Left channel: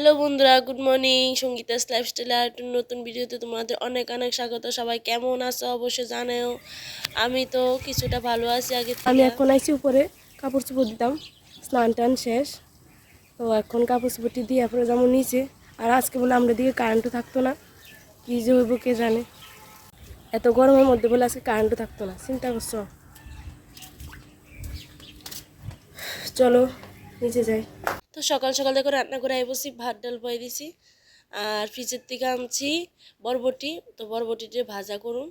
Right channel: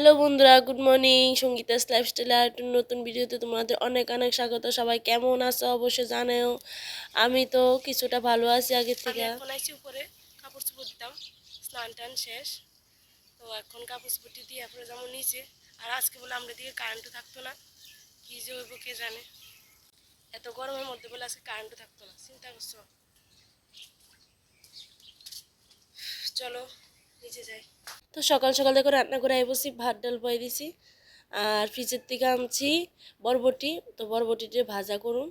Hello বন্ধুরা, good morning. Sangeeta's lifestyle আর একটা নতুন ভিডিওতে তোমাদের অনেক অনেক স্বাগত। সবাই কেমন আছো অবশ্যই জানাও। আমি তো কিছুটা ভালো আছি আগে আমি থেকে। এখন আইছি উপরে কাপড় চোপড় দিতাম, স্নান টান শেষ। তো এখন কাপড় চোপড়টি দিয়ে পরে যেমন নিচে। আর আজকে বলে আমরা দিকে কারেন্টও থাকতো না, কী যে হইব কে জানে। এত গরমের মধ্যে বলে আজকে কারেন্টও থাকতো না, চিন্তা করছো। চলো নিচে যাই। তো সকাল সকাল দেখো রান্না করে বসি, ভাত ডাল বয়ে দিছি। আর ফ্রিজের থেকে আনছি বরবটি। তো বরবটিটা ভাজা করুন।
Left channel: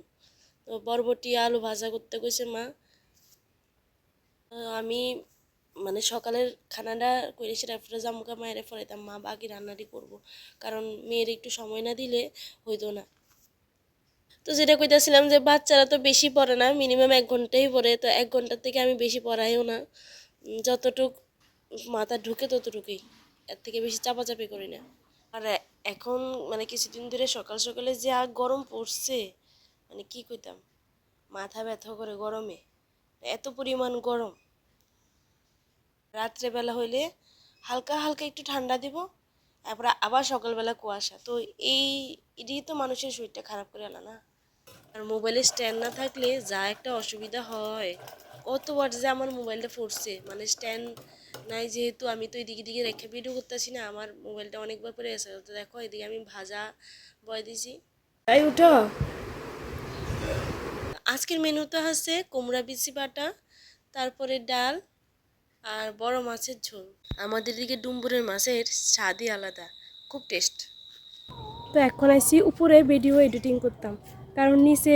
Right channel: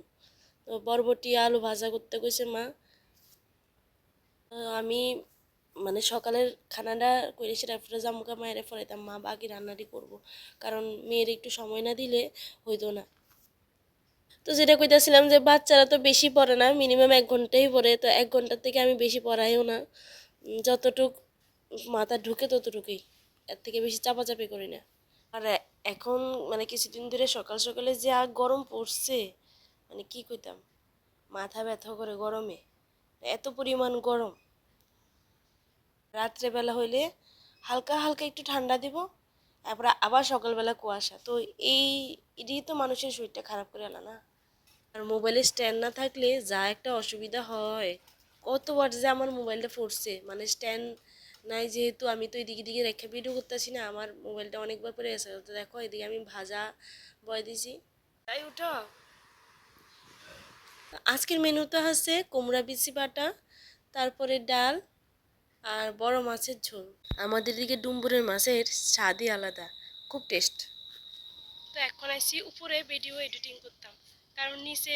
তো বরবটি আলু ভাজা করতে কইছে মা। আমি মানে সকালের খানাটা করে তারপরে জামুকা মায়ের ফরাইতাম, মা বাকি রান্নাটি করব। কারণ মেয়ের একটু সময় না দিলে হইতো না। তো যেটা কইতাছিলাম যে বাচ্চারা তো বেশি পড়ে না, মিনিমাম 1 ঘন্টাই পড়ে। তো 1 ঘন্টার থেকে আমি বেশি পড়াইও না, যতটুক মাথা ঢুকে ততটুকুই, এর থেকে বেশি চাপাচাপি করি না। আর এখন মানে কিছুদিন ধরে সকাল সকালে যে গরম পড়ছে, মানে কি কইতাম, মাথা ব্যথা করে গরমে, এত পরিমাণ গরম। রাত্রেবেলা হইলে হালকা হালকা একটু ঠান্ডা দিব, তারপরে আবার সকালবেলা কুয়াশা। তো এই এটাই তো মানুষের শরীরটা খারাপ করে আলা না। আর মোবাইলের স্ট্যান্ড না থাকলে যা একটা অসুবিধা হয়, কতবার যে আমার মোবাইলটা ফুটছে। মানে স্ট্যান্ড নাই যেহেতু, আমি তো এদিকে দিকে রেখে ভিডিও করতেছি না, আমার মোবাইলটা অনেকবার পরে গেছে। তো দেখো এদিকে আমি ভাজা বয় দিছি। তাই উঠো। আজকের মেনুটা হচ্ছে কুমড়া বিচি বাটা, তারপরে ডাল আর বড় মাছের ঝোল। আমাদের দিকে ডুম্বুরের মাছের স্বাদই আলাদা, খুব টেস্ট। তো এখন আইছি উপরে ভিডিও এডিটিং করতাম, কারণ নিচে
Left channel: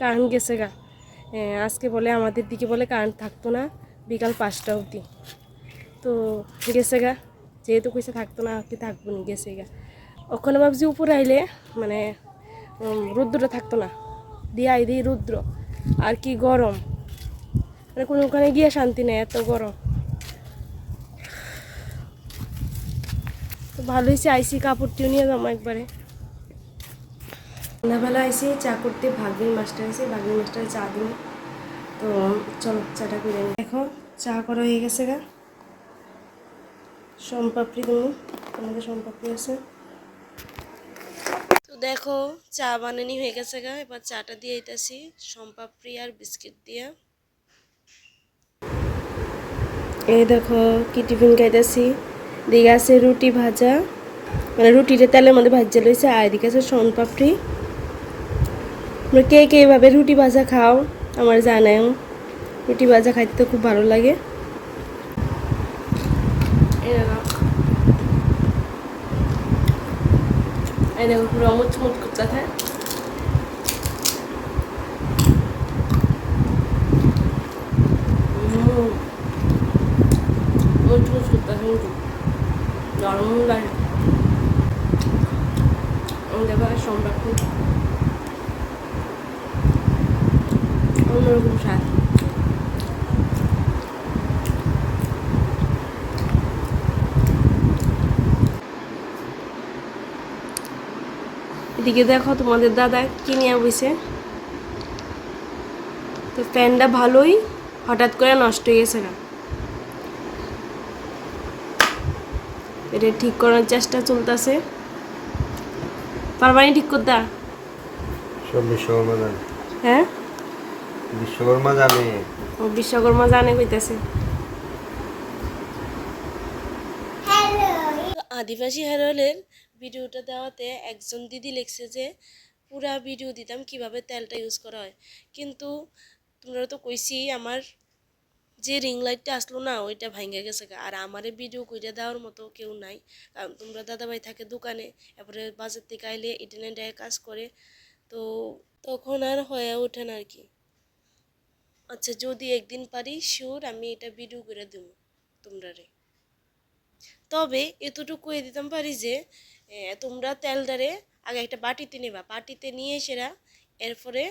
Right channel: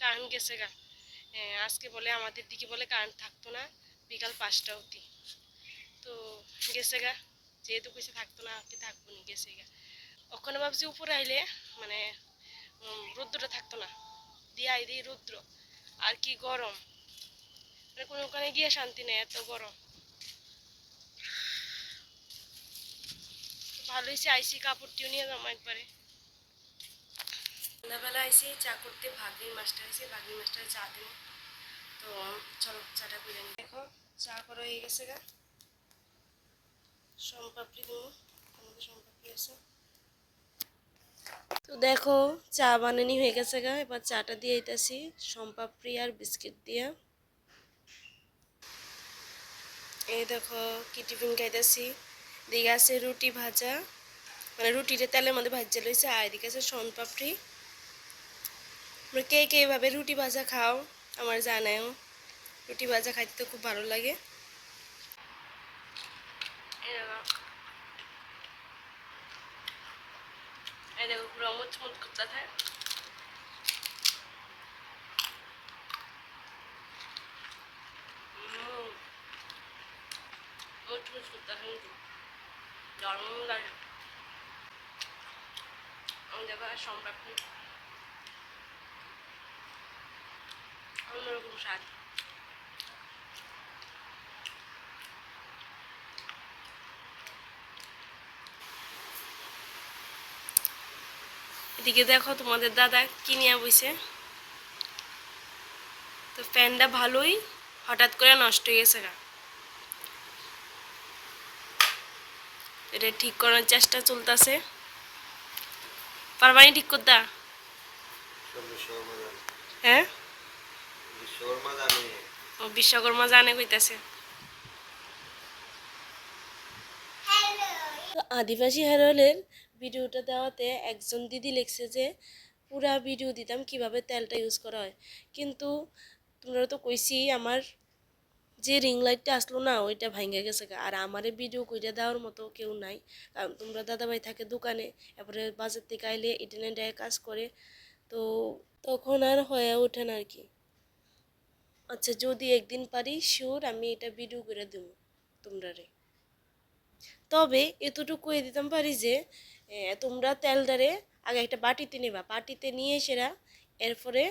কারেন্ট গেছে গা। আজকে বলে আমাদের দিকে বলে কারেন্ট থাকতো না বিকাল 5টা অবধি। তো গেছে গা, যেহেতু কইসে থাকতো না কি থাকবো নি, গেছে গা। ওখানে ভাবছি উপরে আইলে মানে রৌদ্রটা থাকতো না, দিয়ে আই দিই রৌদ্র। আর কি গরম, মানে কোনো ওখানে গিয়ে শান্তি নেই, এত গরম। তো ভালো হয়েছে আইসি, কাপড়টিও নিয়ে যাবো একবারে। সন্ধ্যাবেলা আইসি চা করতে, ভাগ্নির মাস্টার আইসি, ভাগ্নির মাস্টারে চা দিব। তো চলো চাটা করে নি। দেখো চা করা হয়ে গেছে গা, সোনপাপড়ি দেবো, আমাদের সোনপাপড়ি আছে। তো দেখো চা বানানি হয়ে গেছে গা, এবার চাটা দিয়ে দিতেছি সম্পাপড়ি আর বিস্কিট দিয়ে। এই দেখো কি টিফিন খাইতেছি। দিকে আছে রুটি ভাজা, মানে রুটিটা তেলের মধ্যে ভাজা লইছে। আর এদিকে আছে সোনপাপড়ি। তোমরা কে কে এইভাবে রুটি ভাজা খাও আমার জানাও। রুটি ভাজা খাইতে তো খুব ভালো লাগে। এই দেখো পুরো মুচমুচ করতে থাকে। মুচমুচ করতে থাকে, কিন্তু নরম লাগে। দেখো আর সোনপাপড়ি অন্যরকম স্বাদ। এদিকে দেখো তোমাদের দাদা কি নিয়ে বসে। তো ফ্যানটা ভালোই হঠাৎ করে নষ্ট হয়ে গেছে না, এটা ঠিক করার চেষ্টা চলতেছে। পারবানি ঠিক করতে? সব বিশ্বকর্মা জানে। হ্যাঁ, বিশ্বকর্মা জানে। ও বিশ্বকর্মা জানে কইতাছে। তো আদিবাসী হেরলের ভিডিওটা দেওয়াতে একজন দিদি লিখছে যে পুরা ভিডিও দিতাম কিভাবে তেলটা ইউজ করা হয়। কিন্তু তোমরা তো কইছি আমার যে রিং লাইটটা আসলো না, ওইটা ভাঙ্গা গেছে গা। আর আমারে ভিডিও কইরা দেওয়ার মতো কেউ নাই, কারণ তোমরা দাদাভাই থাকে দোকানে, তারপরে বাজার থেকে আইলে ইন্টারনেটে কাজ করে। তো তখন আর হয়ে ওঠে না আর কি। আচ্ছা, যদি একদিন পারি শিওর আমি এটা ভিডিও করে দেবো তোমরারে। তবে এতটুকু কয়ে দিতাম পারি যে তোমরা তেলটারে আগে একটা বাটিতে নেবা, বাটিতে নিয়ে সেরা এরপরে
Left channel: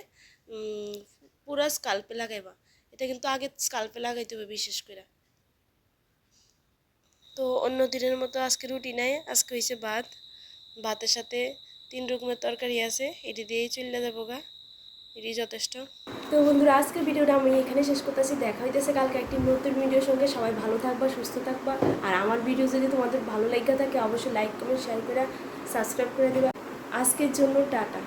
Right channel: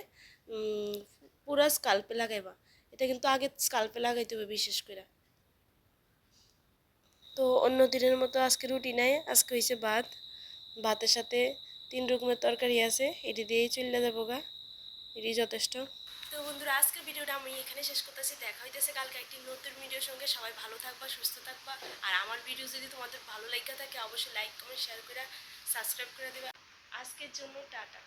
পুরা স্কাল্পে লাগাইবা। এটা কিন্তু আগে স্কাল্পে লাগাইতে হবে বিশেষ করে। তো অন্য দিনের মতো আজকে রুটি নাই, আজকে হয়েছে ভাত। ভাতের সাথে 3 রকমের তরকারি আছে, এটি দিয়েই চলে যাবো গা। এটি যথেষ্ট। তো বন্ধুরা, আজকের ভিডিওটা আমি এখানে শেষ করতেছি। দেখা হইতেছে কালকে একটি নতুন ভিডিওর সঙ্গে। সবাই ভালো থাকবা, সুস্থ থাকবা। আর আমার ভিডিও যদি তোমাদের ভালো লাগা থাকে অবশ্যই লাইক কমেন্ট শেয়ার করে সাবস্ক্রাইব করে দিবা। আজকের জন্য টাটা।